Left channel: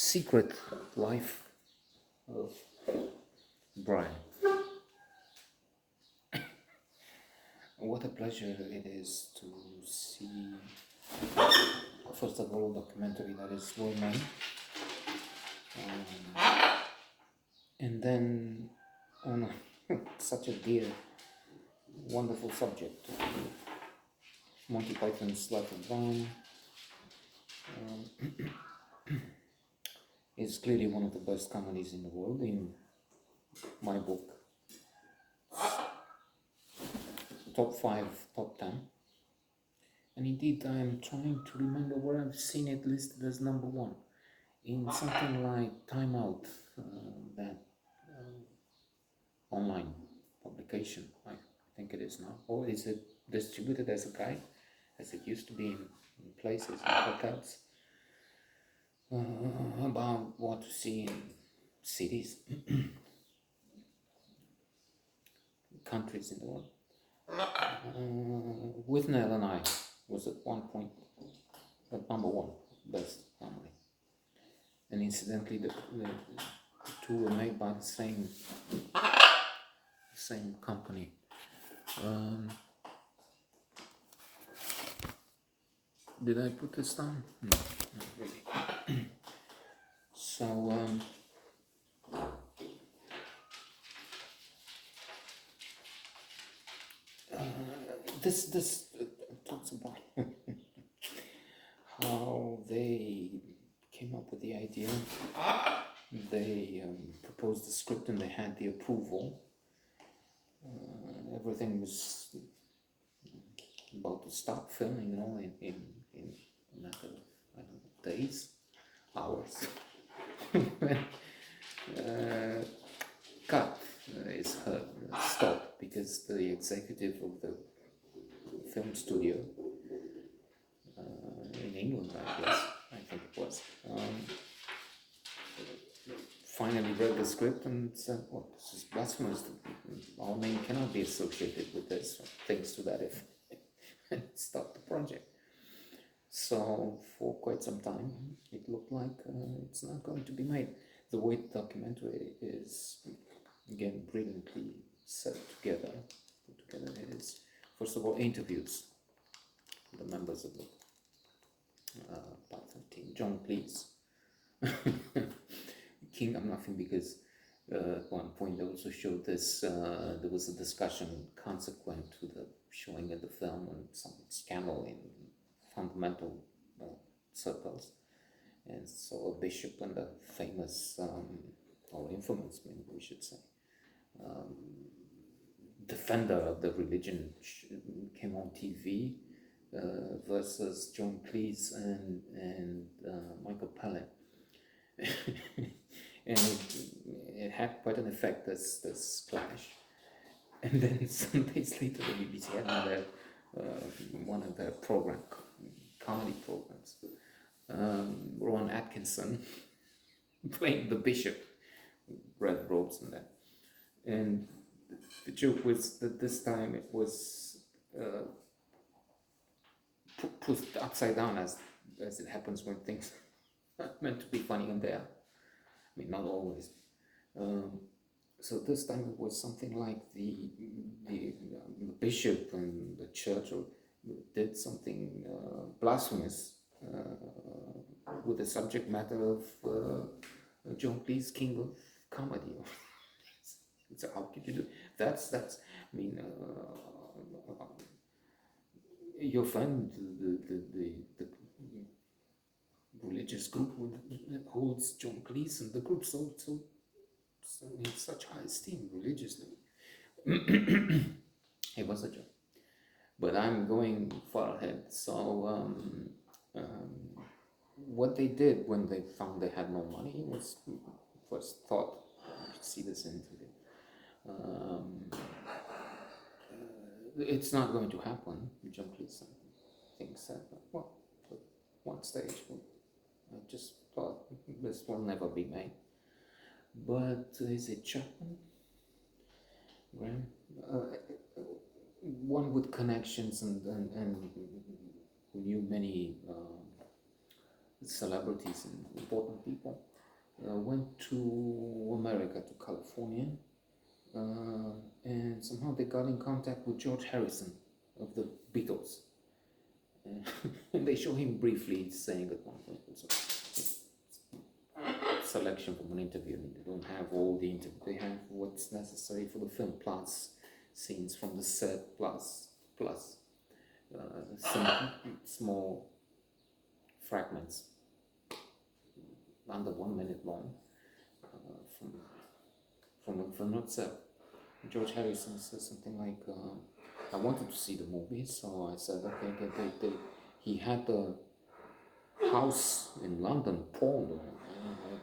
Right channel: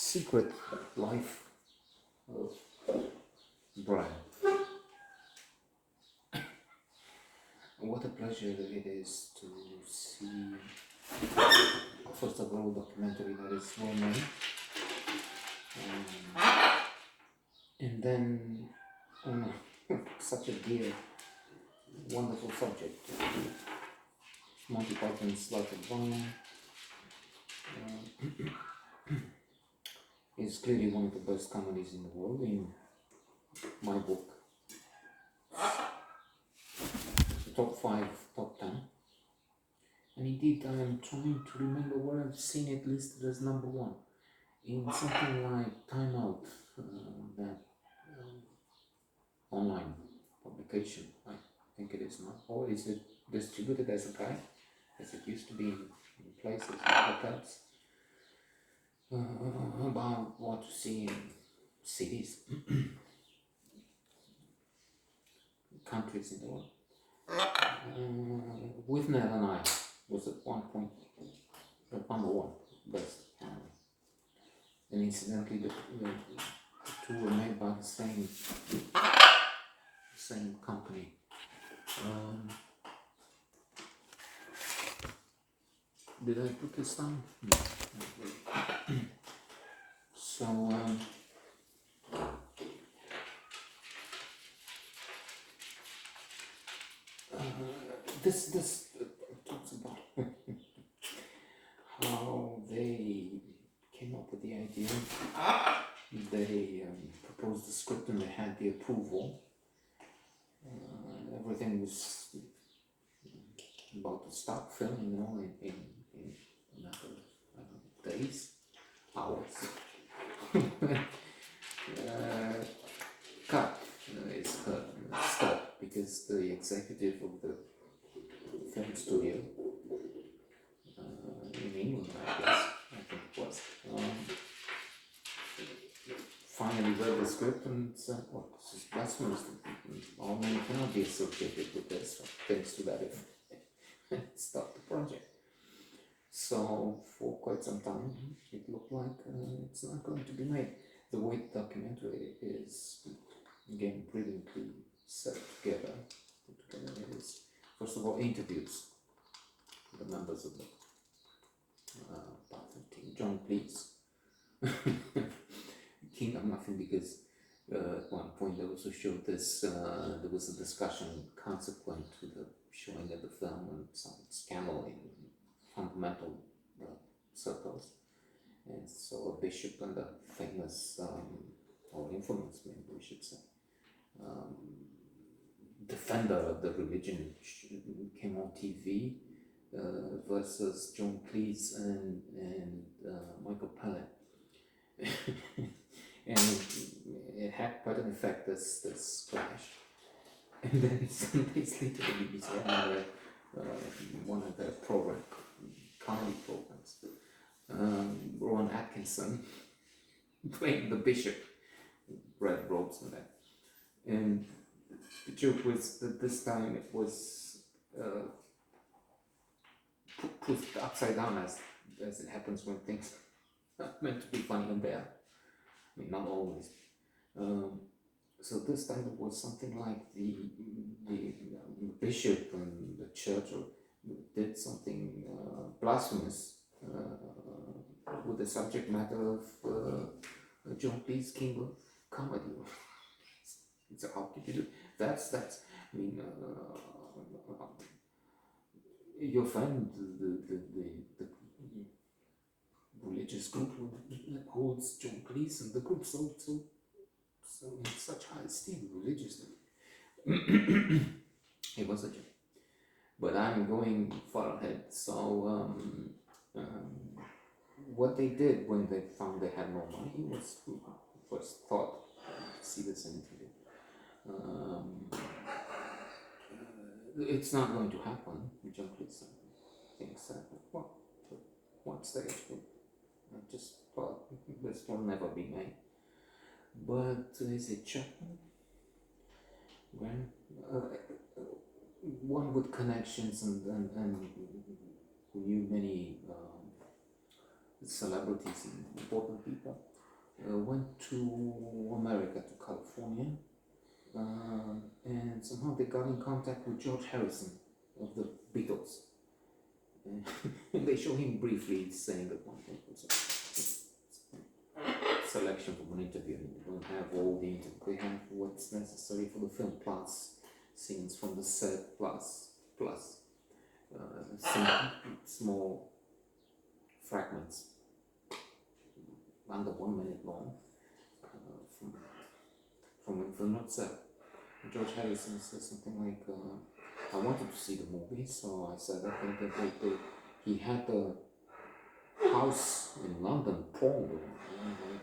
Secret Life of Brian. What a pleasure it is to see, first of all, a documentary that is well made, and then on such a dear, wonderful subject. Monty Python's Life of Brian is clearly one of the best comedies in the world, in my book. Top 5, top 10. And indeed, I am trying to remember where I've seen it listed as number 1. In something like Time Out, that online publication, I think it is now. Or is it distributed as a guide, as it used to be in places like hotels, about what to see in cities, countries in the world. Withnail and I was at one point number 1 best family, and incidentally the two were made by the same company. Did I put this down? No, not really. So this talks about how they came up with the idea. They proposed the script and they had the approval. Everything was about to start filming, in another, I don't know, days, hours. Cut is stopped because the executive of the film studio in England, I think it was, finally read the script and said, "Well, this is blasphemous. Our name cannot be associated with this," or things to that effect. Stop the project. So for quite some time, it looked like it's not going to be made. The way the documentary is, again, brilliantly set together, it is, first of all, interviews the members of the Python team. John Cleese, King of Nothing, because at one point they also showed this, there was a discussion consequent to the showing of the film and some scandal in fundamental circles. And so a bishop and a famous, or infamous, maybe we should say, defender of the religion came on TV versus John Cleese and Michael Palin. And it had quite an effect, this clash. And then some days later, the BBC had one of their comedy programs, Rowan Atkinson playing the bishop, red robes and that. And the joke was that this time it was put upside down, as it happens when things are meant to be funny and there. I mean, not always. So this time it was something like the bishop and the church did something blasphemous with the subject matter of John Cleese, King of Comedy. So how could you do that's? I mean, your friend, the religious group holds John Cleese and the group so in such high esteem religiously. It was a joke, but I'm going far ahead. So what they did when they found they had no money was, first thought, see this interview, it's not going to happen. John Cleese thinks that, well, at one stage, I just thought this will never be made. But is it Chapman? One with connections and who knew many celebrities and important people, went to America, to California, and somehow they got in contact with George Harrison of the Beatles. And they show him briefly saying at one point, selection from an interview. They don't have all the interview. They have what's necessary for the film, plus scenes from the set, plus small fragments under 1 minute long from the film itself. George Harrison says something like, I wanted to see the movie, so I said, okay, he had a house in London, Paul,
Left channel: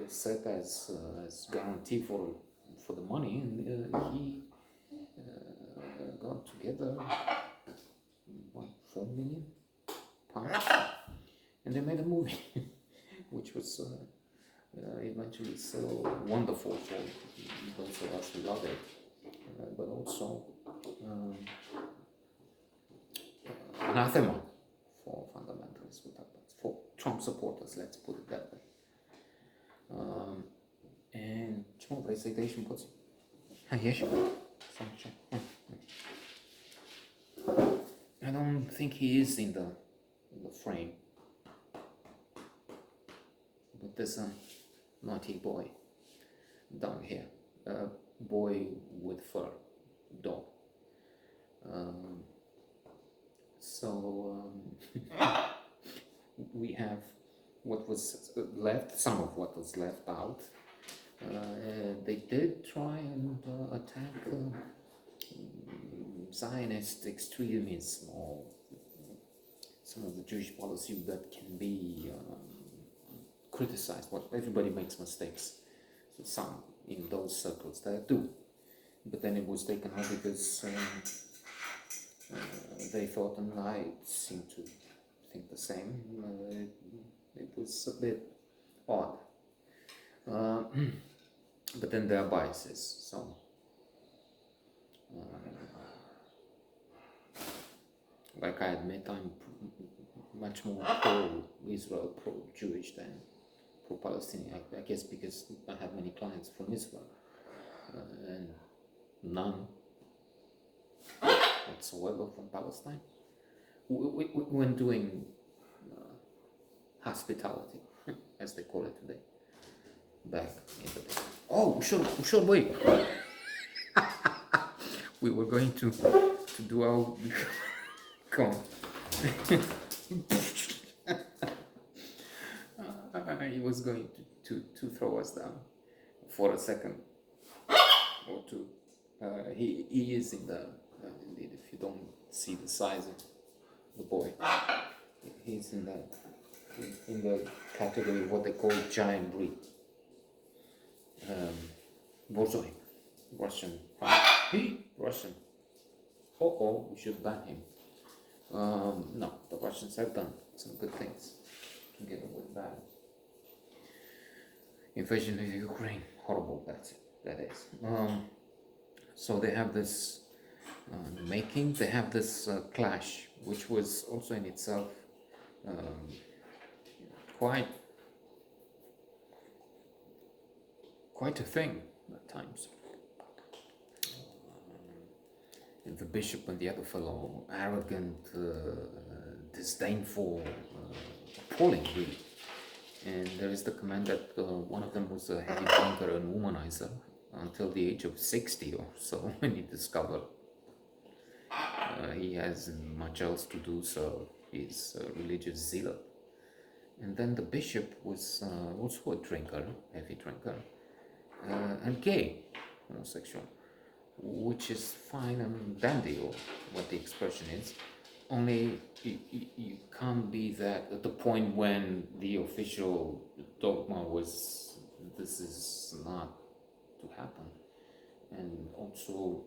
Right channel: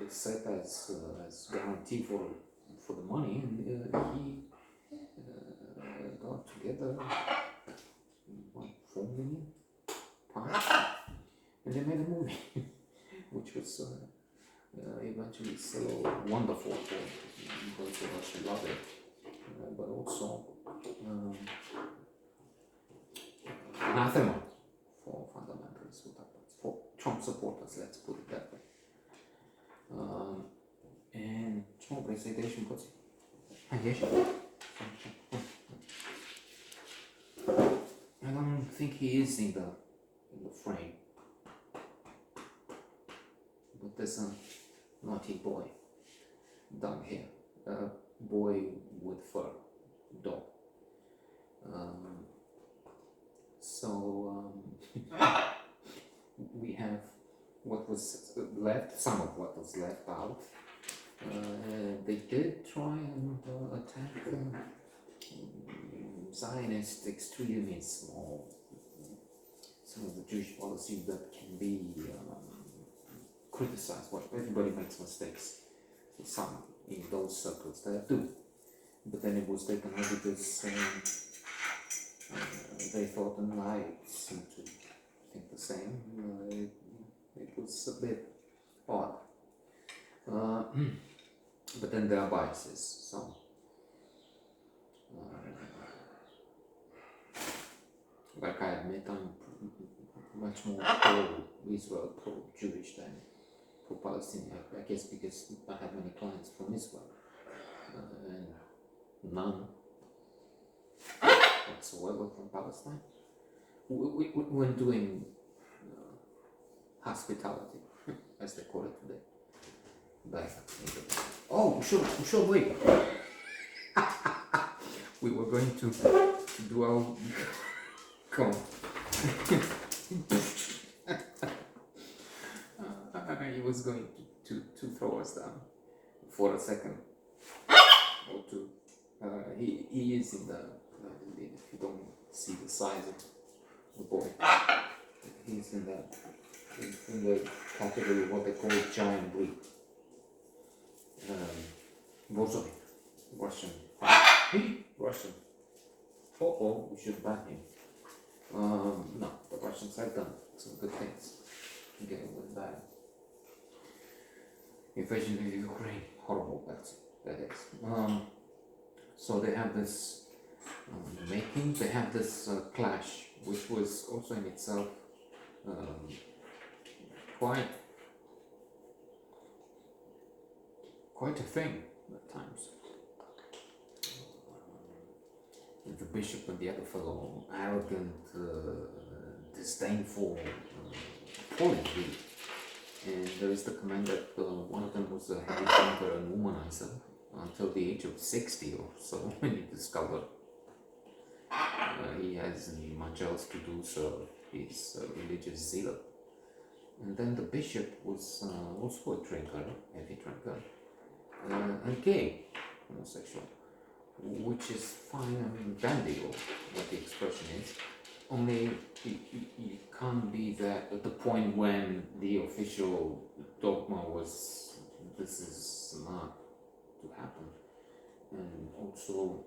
it's set as guarantee for the money, and he got together £4 million, and they made a movie, which was eventually so wonderful for those of us who love it, but also anathema for fundamentalists, for Trump supporters, let's put it that way. And чому PlayStation puts? I don't think he is in the frame, but there's a naughty boy down here, a boy with fur, dog. We have what was left, some of what was left out. They did try and attack Zionist extremism, or some of the Jewish policy that can be criticized. Well, everybody makes mistakes, so some in those circles there do. But then it was taken out because they thought, and I seem to think the same, it was a bit odd. But then there are biases, so like I admit, I'm much more pro-Israel, pro-Jewish than pro-Palestinian, I guess because I have many clients from Israel, and none whatsoever from Palestine. When doing hospitality, as they call it today, back in the day. Oh, sure, wait. We were going to do our come. He was going to throw us down for a second or two. He is in the indeed, if you don't see the size of the boy, he's in the category of what they call giant breed. Borzoi, Russian. Russian. We should ban him. No, the Russians have done some good things together with that invasion of Ukraine. Horrible, that is. So they have this they have this clash, which was also in itself quite a thing at times. And the bishop and the other fellow, arrogant, disdainful, appalling really. And there is the comment that one of them was a heavy drinker and womanizer until the age of 60 or so, when he discovered he hasn't much else to do, so he's a religious zealot. And then the bishop was also a drinker, heavy drinker, and gay, homosexual, which is fine and dandy, or what the expression is. Only you can't be that at the point when the official dogma was this is not to happen. And also,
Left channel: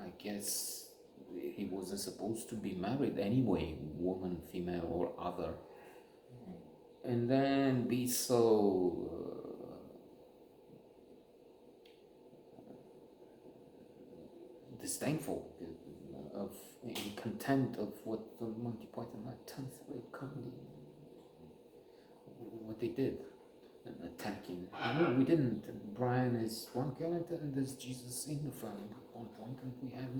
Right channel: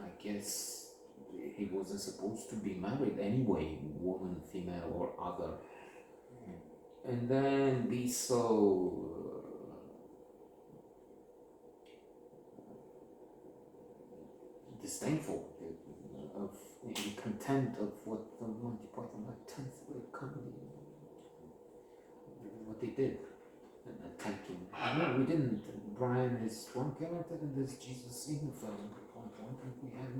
I guess he wasn't supposed to be married anyway, woman, female, or other. And then be so disdainful of contempt of what the Monty Python, like 10th comedy, what they did. No, we didn't. Brian is one character and there's Jesus in the film at one point, and we have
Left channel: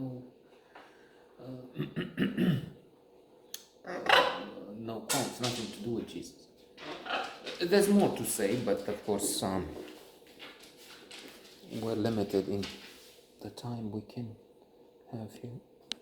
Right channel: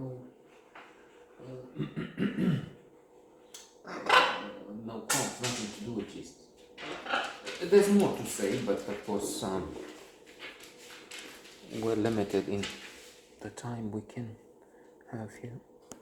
no quotes, nothing to do with Jesus. There's more to say, but of course we're limited in the time we can have here.